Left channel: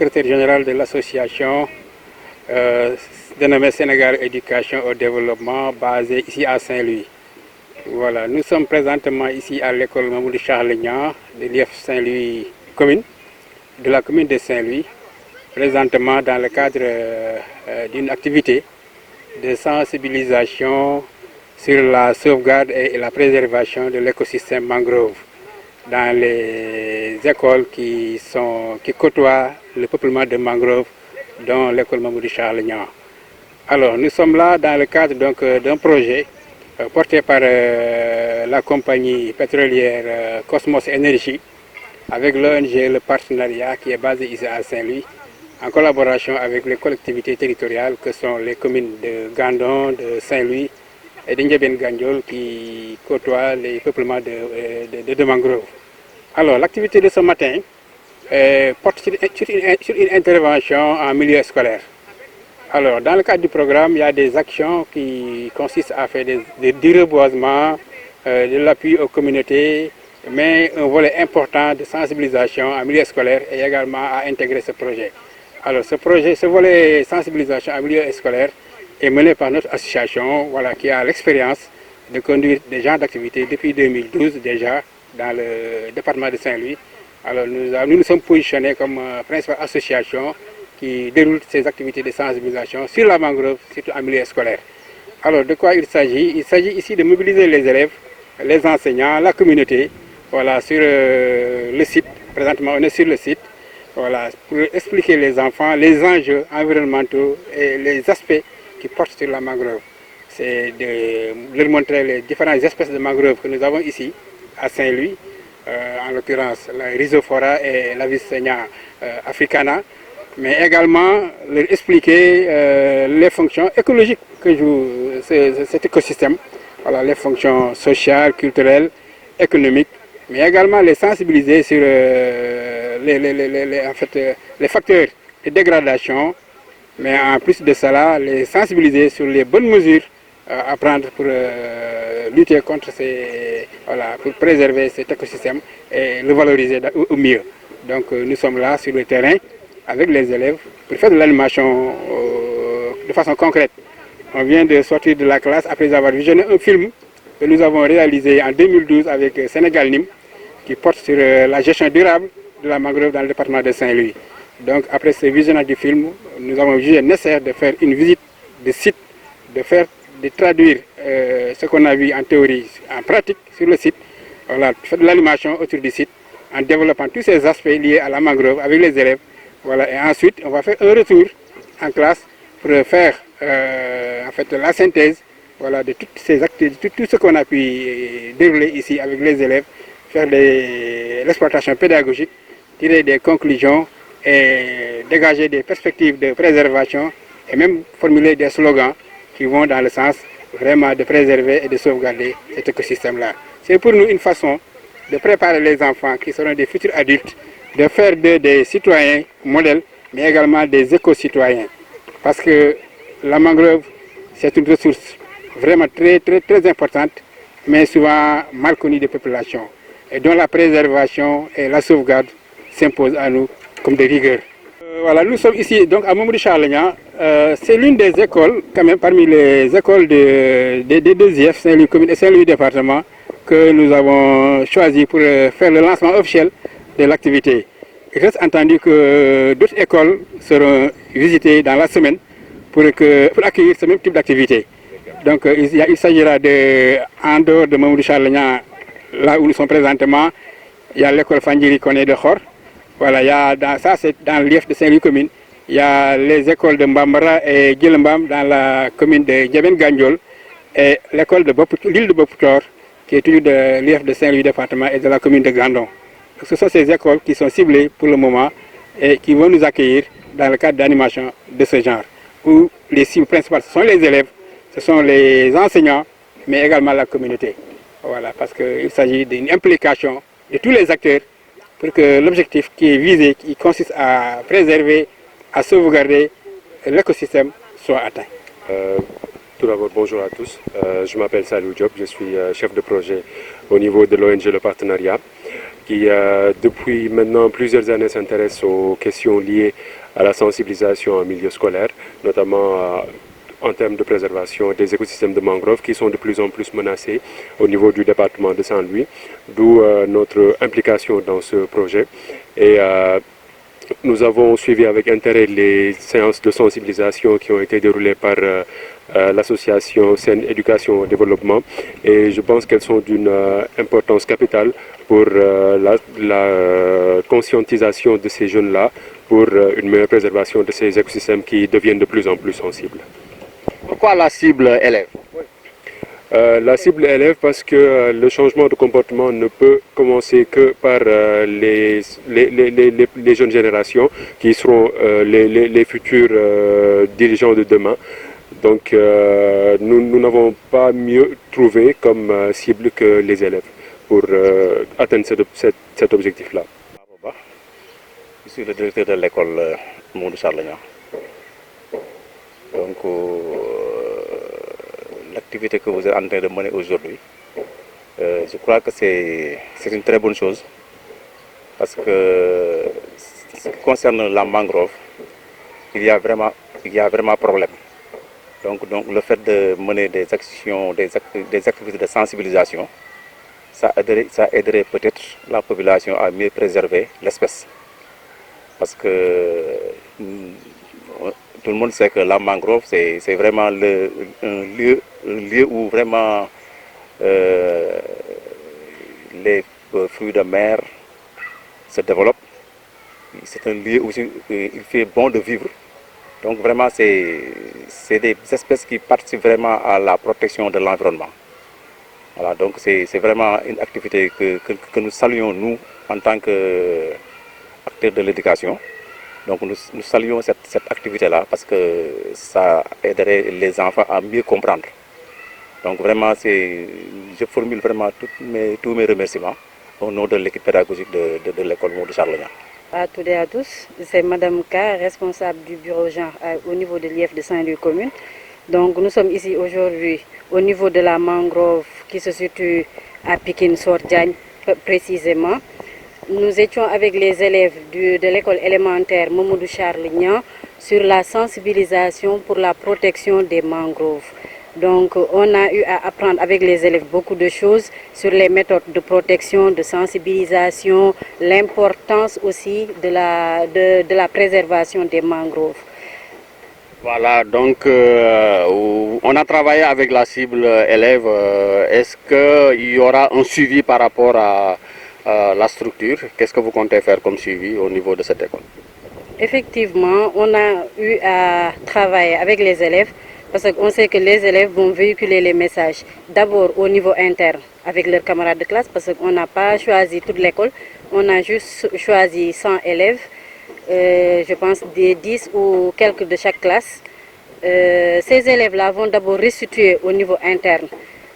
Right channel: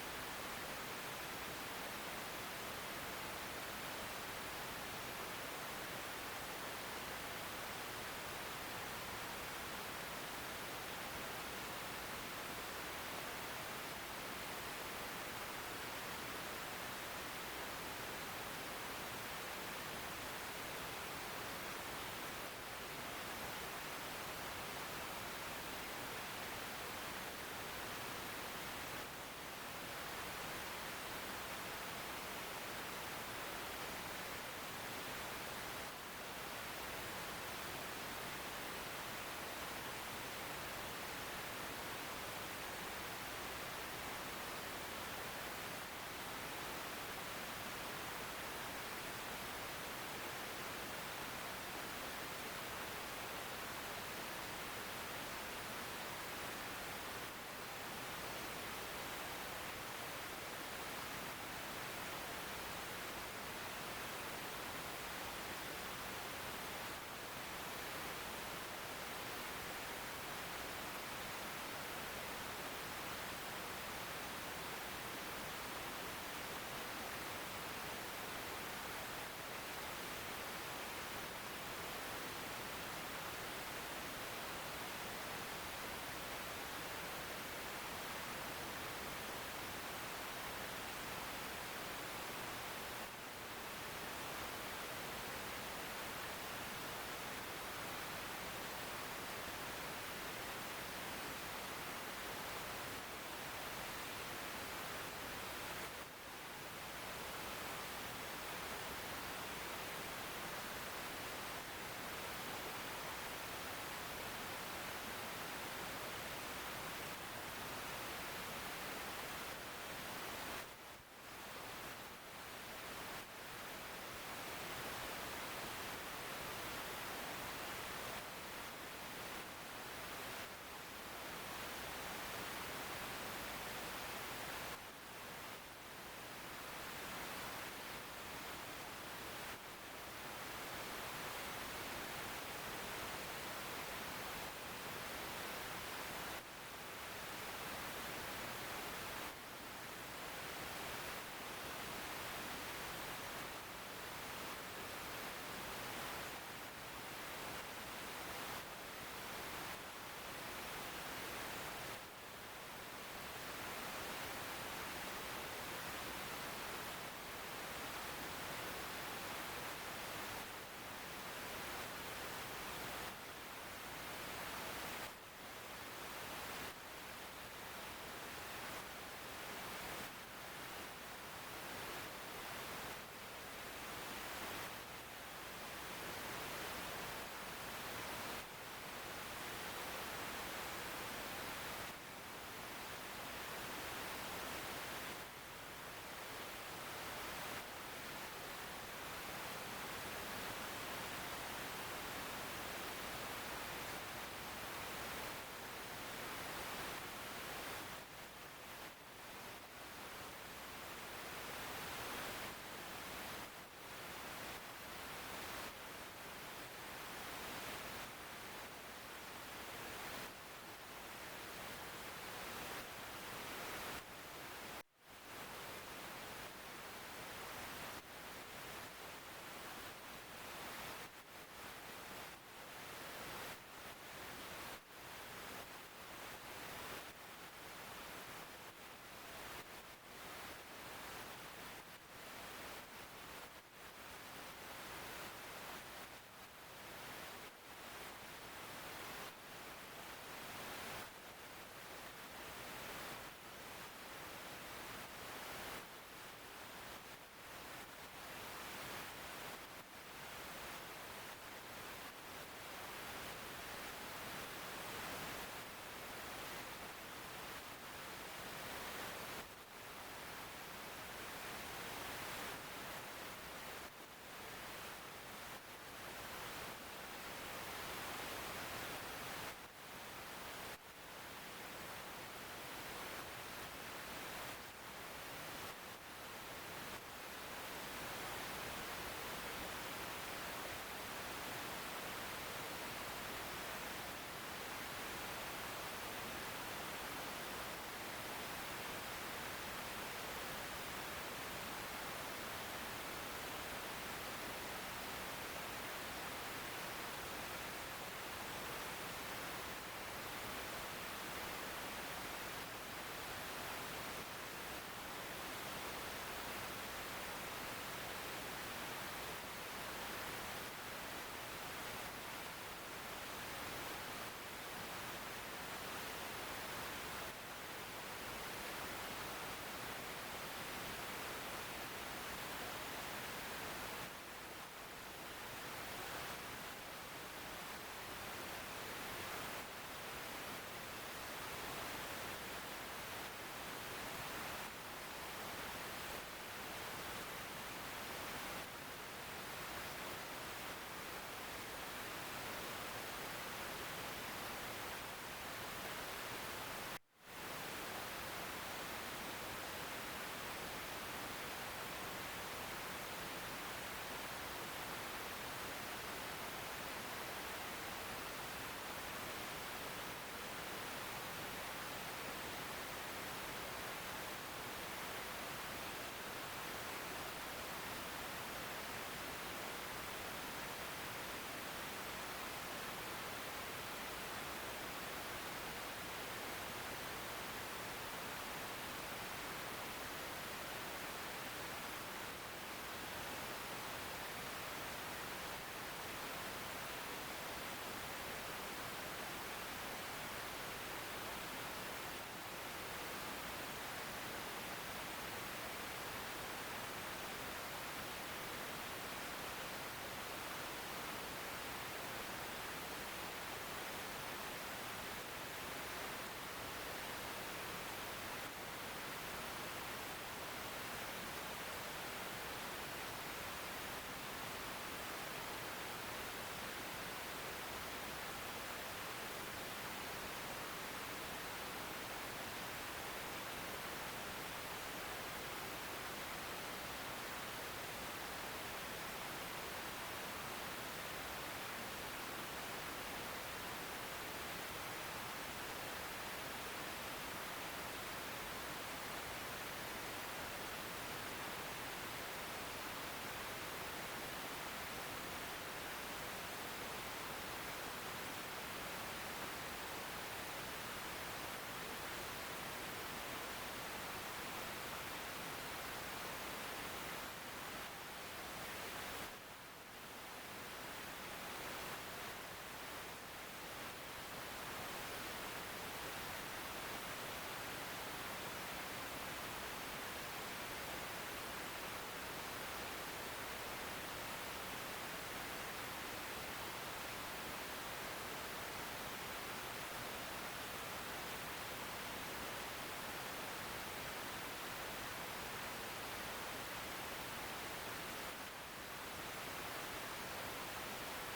secrétaire général de l'association dénommée Sénégal Éducation au Développement, basée ici à Saint-Louis. Voilà, nous sommes présentement ici à l'école Mamoudou Charles Niang de l'IF Saint-Louis commune, de la commune de Saint-Louis, présentement dans le cadre d'une activité de sensibilisation sur la sauvegarde et la préservation de l'écosystème mangrove dans les écoles qui côtoient le peuplement de mangrove, dont l'école Mamoudou Charles Niang. Alors, nous sommes là dans le cadre d'un projet porté par la compagnie pétrolière Cosmos Énergie, avec l'ONG Le Partenariat qui est basé ici à Saint-Louis, en collaboration avec les collectivités territoriales que sont les communes de Gandon, de Saint-Louis et de Ndiébène Gandiol qui côtoient les peuplements de mangroves. Alors, l'activité de ce matin porte sur une intervention en milieu scolaire. Alors, dans le cadre du programme, il y a des actions qui consistent à faire du reboisement, de l'appui aux communautés, mais un volet important de sensibilisation en milieu scolaire et également à intégrer ce projet. Alors, ce volet sensibilisation en milieu scolaire est mené par notre association, voilà, qui a l'expérience de conduire des genres d'activités depuis 2012 déjà dans le département de Saint-Louis. Alors, nous nous sommes positionnés comme principale association qui déroule ces activités de sensibilisation sur la mangrove, surtout en milieu scolaire. Alors, de quoi il s'agit? Il s'agit ici de mobiliser les élèves, les enseignants, la communauté, voilà, sur le site. Présentement, on est sur le site, voilà, pour expliquer les enfants les enjeux environnementaux et les aspects qui portent sur la mangrove. C'est de leur montrer les différentes espèces de mangroves que nous avons ici, à Saint-Louis, en l'occurrence la Rhizophora et la Vicennia africana, mais également leur expliquer les fonctions écologiques que joue cet écosystème, voilà, les fonctions sociales, culturelles, économiques, mais également les sensibiliser sur les facteurs de dégradation, mais en plus de cela, les sensibiliser sur les bonnes mesures à prendre pour lutter contre pour préserver cet écosystème et le valoriser au mieux. Donc nous sommes là sur le terrain avec les élèves pour faire de l'animation de façon concrète. On vient de sortir de la classe après avoir visionné un film que nous avons réalisé en 2012 avec Sénégal Nîmes qui porte sur la gestion durable de la mangrove dans le département de Saint-Louis. Donc après ce visionnage du film, nous avons jugé nécessaire de faire une visite de site, de traduire ce qu'on a vu en théorie, en pratique sur le site, voilà, faire de l'animation autour du site, en développant tous ces aspects liés à la mangrove avec les élèves. Voilà, et ensuite, on va faire un retour en classe pour faire la synthèse, voilà, de toutes ces activités, tout ce qu'on a pu dérouler ici avec les élèves, faire l'exploitation pédagogique, tirer des conclusions et dégager des perspectives de préservation et même formuler des slogans qui vont dans le sens vraiment de préserver et de sauvegarder cet écosystème-là. C'est pour nous une façon de préparer les enfants qui seront des futurs adultes, de faire des citoyens modèles, mais également des éco-citoyens. Parce que la mangrove, c'est une ressource vraiment très, très, très importante, mais souvent mal connue des populations, et dont la préservation et la sauvegarde s'imposent à nous comme des rigueurs. Voilà, nous sommes ici donc à Mamoudou Charles Niang. C'est l'une des écoles, quand même, parmi les écoles des deux IF, Saint-Louis commune et Saint-Louis département, que nous avons choisi pour faire le lancement officiel de l'activité. Il reste entendu que d'autres écoles seront visitées dans la semaine pour accueillir ce même type d'activité. Donc il s'agira en dehors de Mamoudou Charles Niang, là où nous sommes présentement, il y a l'école Fandjiri Koné de Khor. Voilà, ça c'est dans l'IF de Saint-Louis commune. Il y a les écoles de Mbambara et Djilembam dans la commune de Ndiébène Gandiol et l'école de l'île de Bopoutor qui est toujours de l'IF de Saint-Louis département et de la commune de Gandon. Ce sont ces écoles qui sont ciblées pour le moment et qui vont nous accueillir dans le cadre d'animation de ce genre, où les cibles principales ce sont les élèves, ce sont les enseignants, mais également la communauté. Voilà, parce qu'il s'agit d'une implication de tous les acteurs pour que l'objectif qui est visé, qui consiste à préserver, à sauvegarder l'écosystème, soit atteint. Tout d'abord, bonjour à tous. Je m'appelle Salou Diop, je suis chef de projet au niveau de l'ONG Le Partenariat, qui depuis maintenant plusieurs années s'intéresse aux questions liées à la sensibilisation en milieu scolaire, notamment en termes de préservation des écosystèmes de mangroves qui sont de plus en plus menacés au niveau du département de Saint-Louis, d'où notre implication dans ce projet. Et nous avons suivi avec intérêt les séances de sensibilisation qui ont été déroulées par l'association Sen Éducation Développement, et je pense qu'elles sont d'une importance capitale pour la conscientisation de ces jeunes-là, pour une meilleure préservation de ces écosystèmes qui deviennent de plus en plus sensibles. Pourquoi la cible élève? La cible élève parce que le changement de comportement ne peut commencer que par les jeunes générations qui seront les futurs dirigeants de demain. Donc nous n'avons pas mieux trouvé comme cible que les élèves pour atteindre cet objectif-là. Je suis le directeur de l'école Mamadou Charles Niang. Donc l'activité que vous êtes en train de mener aujourd'hui, je crois que c'est une très bonne chose, parce que ce qui concerne la mangrove, il y a vraiment problème. Donc le fait de mener des actions, des activités de sensibilisation, ça aiderait peut-être la population à mieux préserver l'espèce. Parce que tout le monde sait que la mangrove, c'est vraiment un lieu où vraiment les fruits de mer se développent. C'est un lieu où il fait bon de vivre. Donc vraiment, c'est des espèces qui participent vraiment à la protection de l'environnement. Voilà, donc c'est vraiment une activité que nous saluons, nous, en tant qu'acteurs de l'éducation. Donc nous saluons cette activité-là parce que ça aiderait les enfants à mieux comprendre. Donc vraiment, je formule vraiment tous mes remerciements au nom de l'équipe pédagogique de l'école Mamadou Charles Niang. À toutes et à tous, c'est Madame K, responsable du bureau genre au niveau de l'IEF de Saint-Louis commune. Donc nous sommes ici aujourd'hui au niveau de la mangrove qui se situe à Pikine-Sor-Diagne précisément. Nous étions avec les élèves de l'école élémentaire Mamadou Charles Niang sur la sensibilisation pour la protection des mangroves. Donc on a eu à apprendre avec les élèves beaucoup de choses sur les méthodes de protection, de sensibilisation, l'importance aussi de la préservation des mangroves. Voilà, donc on a travaillé avec la cible élève. Est-ce qu'il y aura un suivi par rapport à la structure? Qu'est-ce que vous comptez faire comme suivi au niveau de cette école? Effectivement, on a eu à travailler avec les élèves parce qu'on sait que les élèves vont véhiculer les messages d'abord au niveau interne avec leurs camarades de classe, parce qu'on n'a pas choisi toute l'école, on a juste choisi 100 élèves, je pense des 10 ou quelques de chaque classe. Ces élèves-là vont d'abord restituer au niveau interne.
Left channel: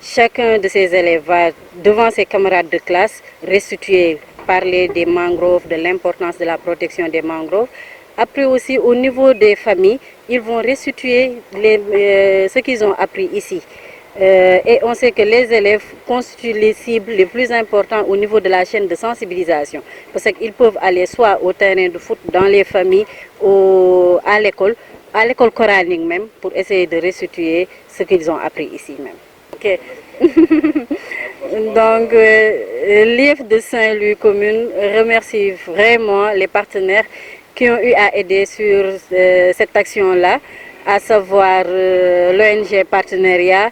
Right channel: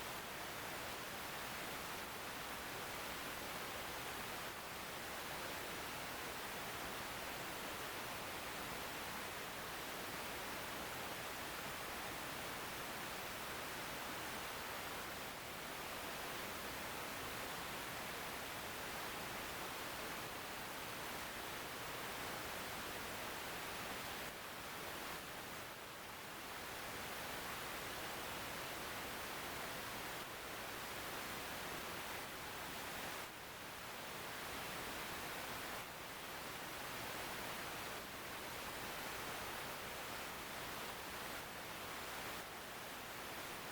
Chacun de ces élèves va devant ses camarades de classe restituer, parler des mangroves, de l'importance de la protection des mangroves. Après aussi au niveau des familles, ils vont restituer ce qu'ils ont appris ici. Et on sait que les élèves constituent les cibles les plus importantes au niveau de la chaîne de sensibilisation. Parce qu'ils peuvent aller soit au terrain de foot, dans les familles, à l'école coranique même, pour essayer de restituer ce qu'ils ont appris ici même. Okay. Donc, l'IEF de Saint-Louis commune remercie vraiment les partenaires qui ont eu à aider sur cette action-là, à savoir l'ONG Partenariat,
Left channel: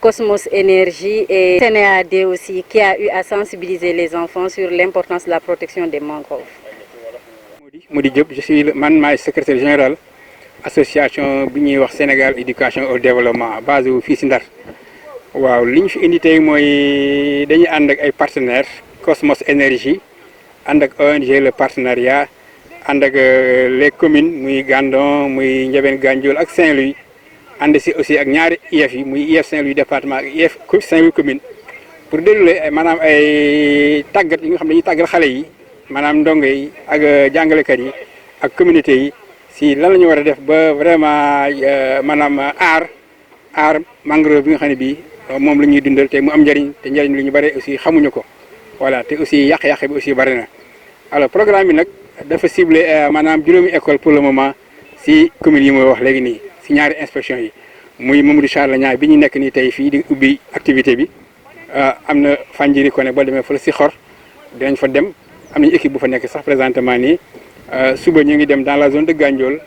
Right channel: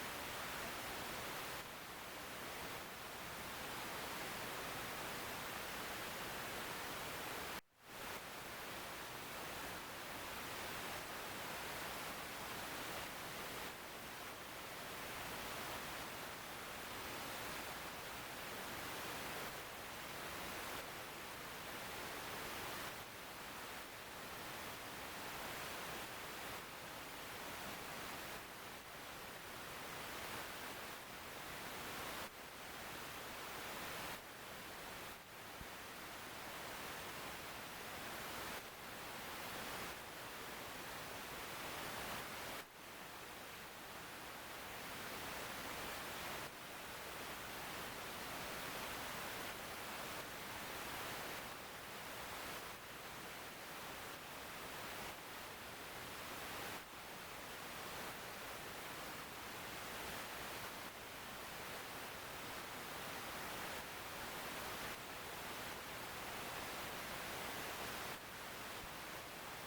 Cosmos Énergie et CNEAD aussi, qui a eu à sensibiliser les enfants sur l'importance de la protection des mangroves. Moudi Diop, je suis le secrétaire général association Sénégal éducation au développement basée au fii si Ndar. Waaw li ñu fi indi tey mooy dañuy ànd ak ay partenaires Cosmos Énergie ànd ak ONG le partenariat ànd ak les communes muy Gandon muy Ndiabène Gandiol ak Saint-Louis ànd si aussi ak ñaari IEF yi muy IEF Saint-Louis département ak IEF Saint-Louis commune pour dérouler maanaam ay tàggat yi nga xam ne dañuy tàggat xale yi maanaam ndongo yi ak jàngalekat yi ak communauté yi si lan la ñu war a def ba vraiment maanaam aar mangrove bi nga xam ne bii moom la ñuy dundal te mu am njëriñ te njëriñ lu ñu bare aussi xamuñu ko voilà te aussi yàq-yàq bi aussi bari na. alors programme bi nag dafa ciblé maanaam juróomi école pour le moment si commune yi mooy wax léegi nii si ñaari inspection yi muy Mamadou Charles Niang bi ñu nekk nii tey fii di ubbi activité bi am na Fandjiri Koné boo demee fële si xor dinañ fa dem am nañu équipe bu fa nekk sax présentement nii suba ñu ngi dem dans la zone de Gandiol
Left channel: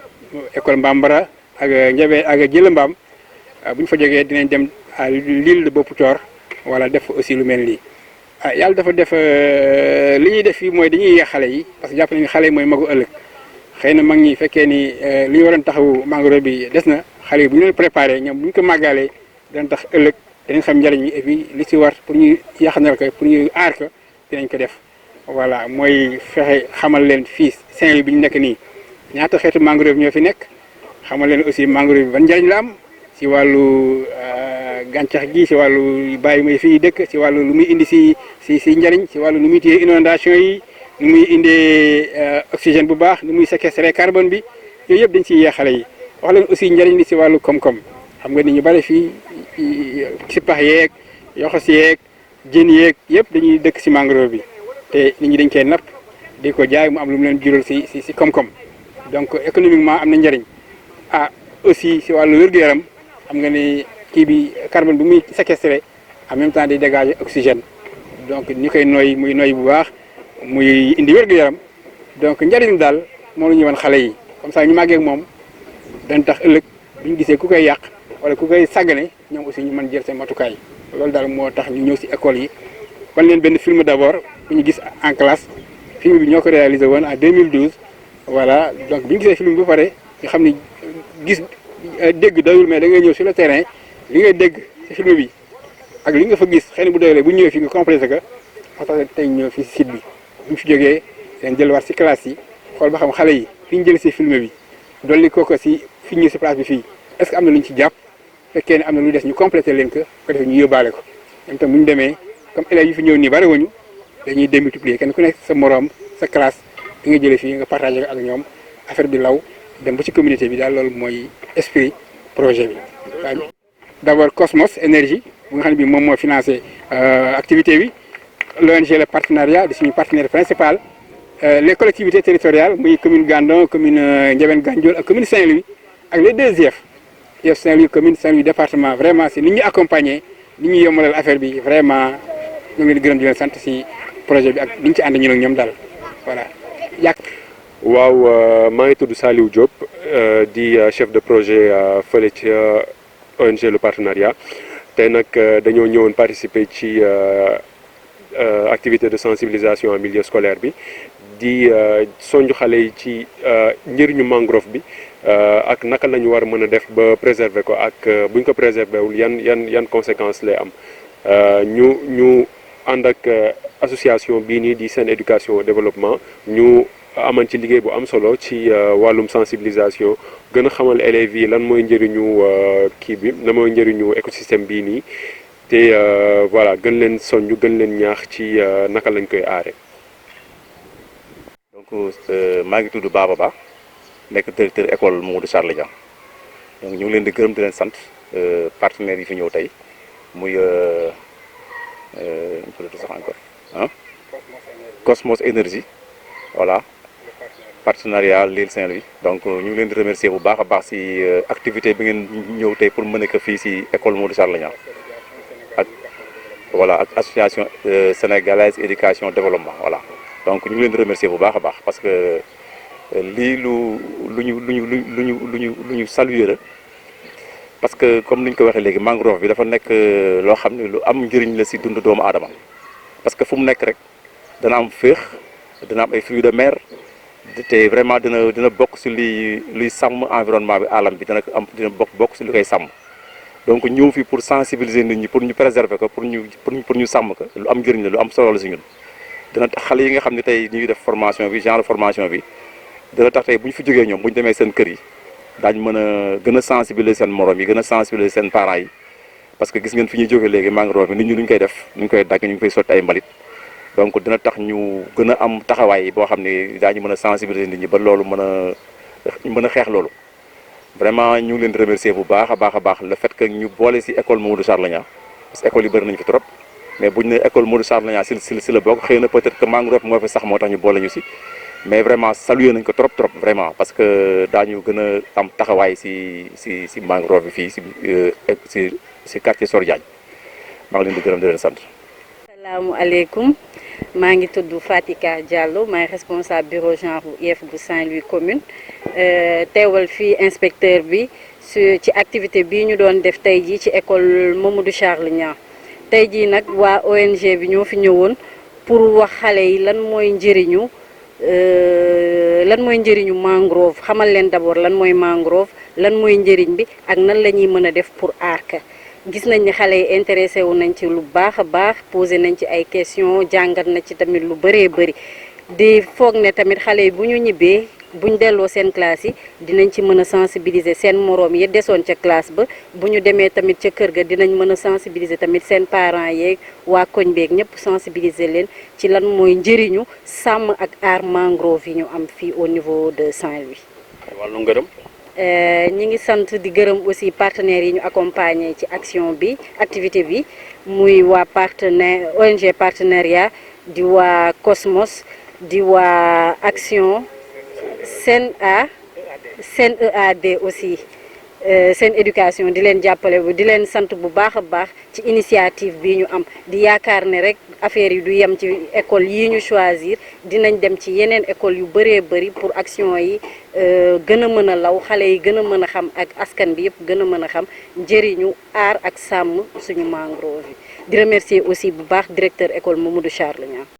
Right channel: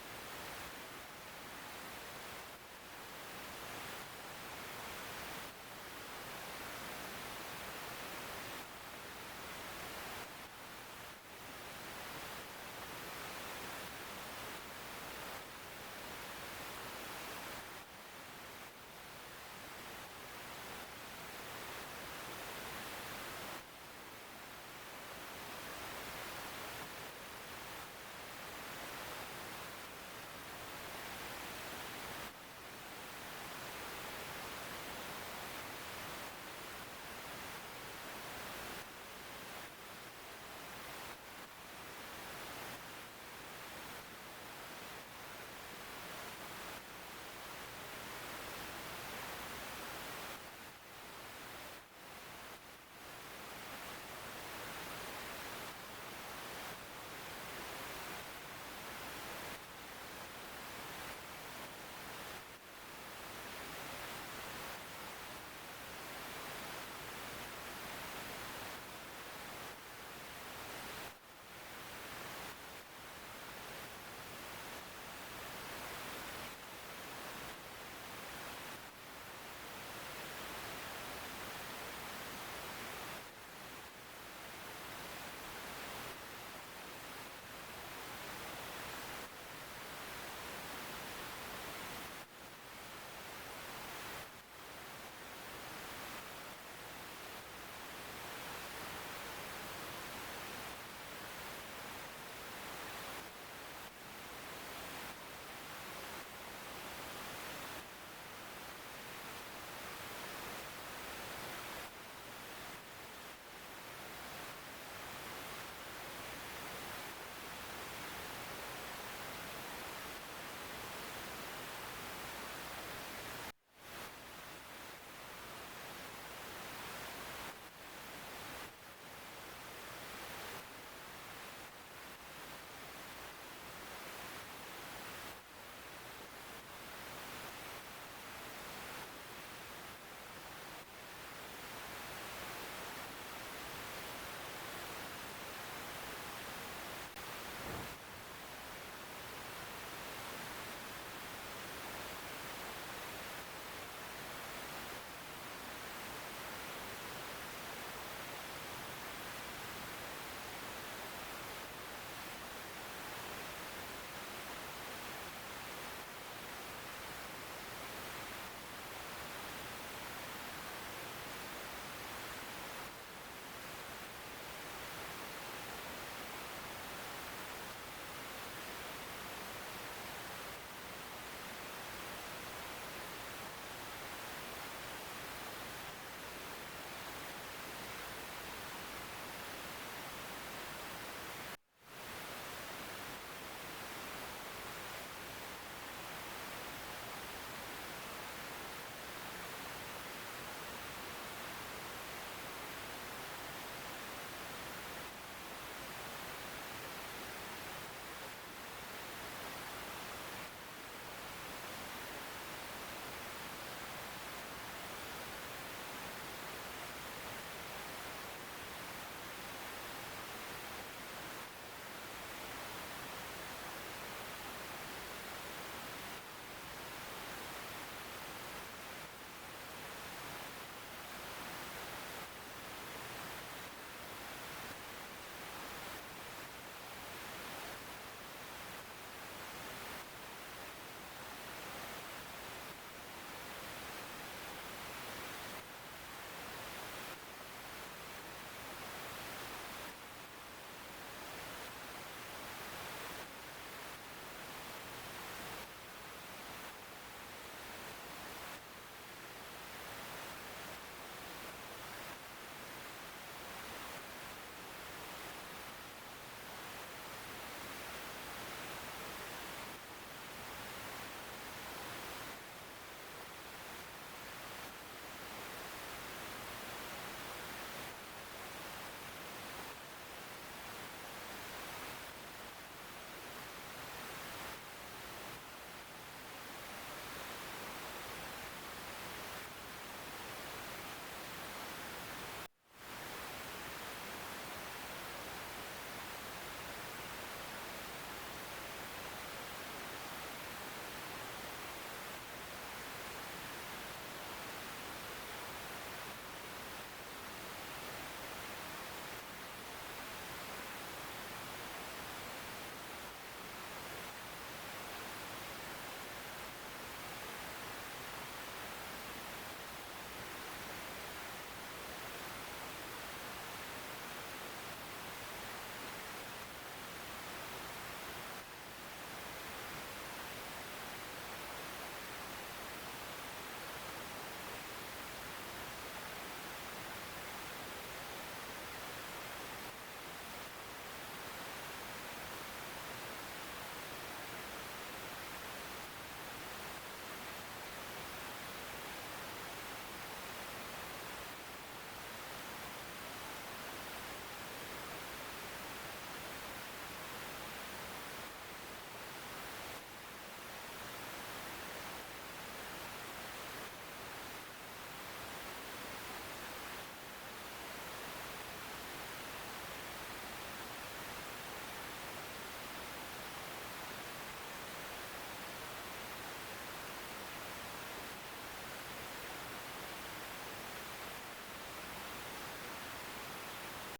école Mbambara ak Ndiabé ak Jëla Mbaam bu ñu fa jógee dinañ dem à l'île de Boputor wala def aussi lu mel nii. yàlla dafa def li ñuy def fii mooy dañuy yee xale yi parce que jàpp nañu xale yi mooy magu ëllëg xëy na mag ñi fekkee ni li ñu waroon taxawu mangrove bi des na xale yi bu ñu leen préparé ñoom bu ñu ko màggalee dinañ tax ëllëg dinañ xam njëriñ bi et puis li ci war pour ñu yaxanal ko pour ñu aar ko dinañ ko def. voilà mooy fexe xamal leen fii Saint-Louis bi ñu nekk nii ñaata xeetu mangrove ñoo fi nekk xamal leen aussi mangrove bi ban njëriñ la am ci wàllu gàncax gi ci wàllu bàyyi muy fii dëkk ci wàllu lu muy indi si njëriñ ci wàllu nu muy téye inondation yi nu muy indee oxygène bu baax nu muy séquestrer carbone bi yooyu yëpp dañ ciy yee xale yi wax leen aussi njëriñ li ci wàllu koom-koom xam nga ni ñu bari fii si pax yeeg yoxos yeeg jën yeeg yëpp dañuy dëkk si mangrove bi te nit ñi dañ koy napp di ko jaay mu am lu mu leen jural si koom-koom donc économiquement am na njëriñ aussi si wàllu wér-gu-yaram xam nga ni kii bi carbone bi muy séquestré en même temps day dégager oxygène donc ñi koy noyyi muy noyyi bu baax muy indi wér-gu-yaram donc njëriñ daal moom la ñuy wan xale yi comme ça ñu màggee ak moom dañ tax ëllëg bu ñu gisee ku koy yàq wala ku koy sàggane ñoom aussi ñu mën jël seen matukaay loolu daal moo tax ñu ñëw si école yi wan leen benn film d'abord bu ñu gis en classe film bi ñoo ko réalisé woon en 2012 voilà donc bi ñu gisee film bi ba pare nga xam ni gis dégg doyul mais da ngay ñëw sur le terrain li ngay dégg ci film bi ak li nga fa gis xëy na bu doylee bu ñëwee fi nga complété ko moo tax tey ñëw fi site bi bu ñu fi jógee leen jëlwaat ci classe yi xool ba xam xale yi fi ñu jël ci film bi dolli ko ci fi ñu ci place bi fii est-ce que am na lu ñu ci jàpp fekkee ne am na lu des ñu complété leen ko defee ñu yóbbaale ko ñoom tam bu ñu demee comme élèves yi fi ñëw nii bari wuñu dañuy démultiplier kenn ku nekk sa moroom sa classe di nga jëlee fii nga partagé ko ak ñoom affaire bi law dem ba ci communauté bi daal loolu mooy esprit projet bi. d'abord Cosmos énergie bu nga xam ne bii moom moo financé activité bi l'ONG le partenariat di suñu partenaire principal les collectivités territoriales muy commune Gandon commune Ndiabène Gandiol ak commune Saint-Louis ak les deux IEF Saint-Louis commune Saint-Louis département vraiment si ni ñu accompagner ni ñu yombalal affaire bi vraiment ñu ngi leen di gërëm di leen sant si projet bi ak ni ñu ci ànd ñu ak ñoom daal voilà waaw maa ngi tudd Saliou Diop di chef de projet fële ci ONG le partenariat tey nag dañoo ñëwoon participer ci activité de sensibilisation en milieu scolaire bi di sonju xale yi ci njëriñu mangrove bi ak naka la ñu war a mën a def ba préserver ko ak bu ñu ko préserver wul yan conséquences lay am ñu ànd ak association bii nii di Sen Éducation Développement ñu aman ci liggéey bu am solo ci wàllum sensibilisation gën a xamal élèves yi lan mooy njëriñu kii bi lan mooy njëriñu écosystème bii nii te voilà gën leen soññ gën leen ñaax ci naka lañ koy aare. donc maa ngi tudd Baba Ba nekk directeur école Mamadou Charles Niang donc ñu ngi leen di gërëm di leen sant partenaires yi fi ñëw tey muy sax encore Cosmos énergie voilà. partenariat Lille Saint-Louis donc ñu ngi leen di remercier bu baax a baax ci activité bi ngeen ñëw tey pour mën ko fii ci école Mamadou Charles Niang ak voilà ak association sénégalaise éducation développement voilà donc ñu ngi leen di remercier bu baax a baax parce que lii lu ñu saluer la parce que comme ni ñu ko waxee léegi mangrove bi dafa nekk loo xam ne lu am njëriñ la ci dund doomu aadama parce que fu mu nekk rek dana am féex dana am ay fruits de mer te vraiment dina bokk ci luy sàmm environnement bi alam bi dina bokk ci lu koy sàmm donc ñëw fi pour sensibiliser nit ñi pour ñu préserver ko pour ñu sàmm ko lu am njëriñ la lu am solo la ci ñun dina tax xale yi nga xam ne tey ñuy def formation bi genre formation bi dina tax tey bu ñu fi jógee ñoom bu ñu demee seen kër yi daañu mën a gën a sensibiliser seen morom yi gën a sensibiliser seen parents yi parce que gis ngeen fi ñuy jógee léegi mangrove bi nit ñi lu ñu koy def ñu ngi koy dagg ñu ngi koy sotti ay mbalit donc dina tax ñu gën a am taxawaay boo xam ne daañu mën a sensibiliser nit ñi ba loolu mën a xeex loolu vraiment ñu ngi leen di remercier bu baax a baax le fait que ñu boole ci école Mamadou Charles Niang parce que école yi bëri nañu fi trop mais bu ñu nee école Modou Charles Niang si la bokk xëy na peut-être que mangrove moo fi sax moo tax ñu boole ñu si mais vraiment salué nañ ko trop vraiment parce que daañu gën a am taxawaay si mangrove bi fii si quartier Sor Diagne maa ngi leen di gërëm di leen sant. Salaamualeykum maa ngi tudd Fatika Diallo maay responsable bureau genre IEF bu Saint-Louis commune teewal fii inspecteur bi ci activité bii ñu doon def tey jii ci école Mamadou Charles Niang tey jii nag waa ONG bi ñoo fi ñëwoon pour wax xale yi lan mooy njëriñu mangrove xamal leen d'abord lan mooy mangrove lan mooy njëriñ bi ak nan la ñuy mën a def pour aar ka gis nañ ni xale yi intéressé wu nañ ci lu baax a baax posé nañ ci ay questions jàngat na ci tamit lu bëree bëri di foog ne tamit xale yi bu ñu ñibbee buñ delloo seen classe yi dinañ ci mën a sensibiliser seen moroom yi desoon ca classe ba bu ñu demee tamit ca kër ga dinañ mën a sensibiliser tamit seen parents yeeg waa koñ beeg ñëpp sensibiliser leen ci lan mooy njëriñu sàmm ak aar mangrove yi ñu am fii au niveau de Saint-Louis. wàllu ngërëm. ñi ngi sant di gërëm aussi partenaires yi ñu accompagner ci action bi activité bi muy waa ONG partenariat di waa Cosmos di waa Action SENEAD aussi seen éducation di leen jàppale bu di leen sant bu baax a baax ci initiative bi ñu am di yaakaar ne rek affaire yi du yem ci école yi ñu choisir dinañ dem ci yeneen école yu bëree bëri pour action yi gën a mën a law xale yi gën a mën a xam ak askan bi yëpp gën a mën a xam njëriñu aar ak sàmm suñu mangrove yi di remercier aussi bu baax directeur école Mamadou Charles Niang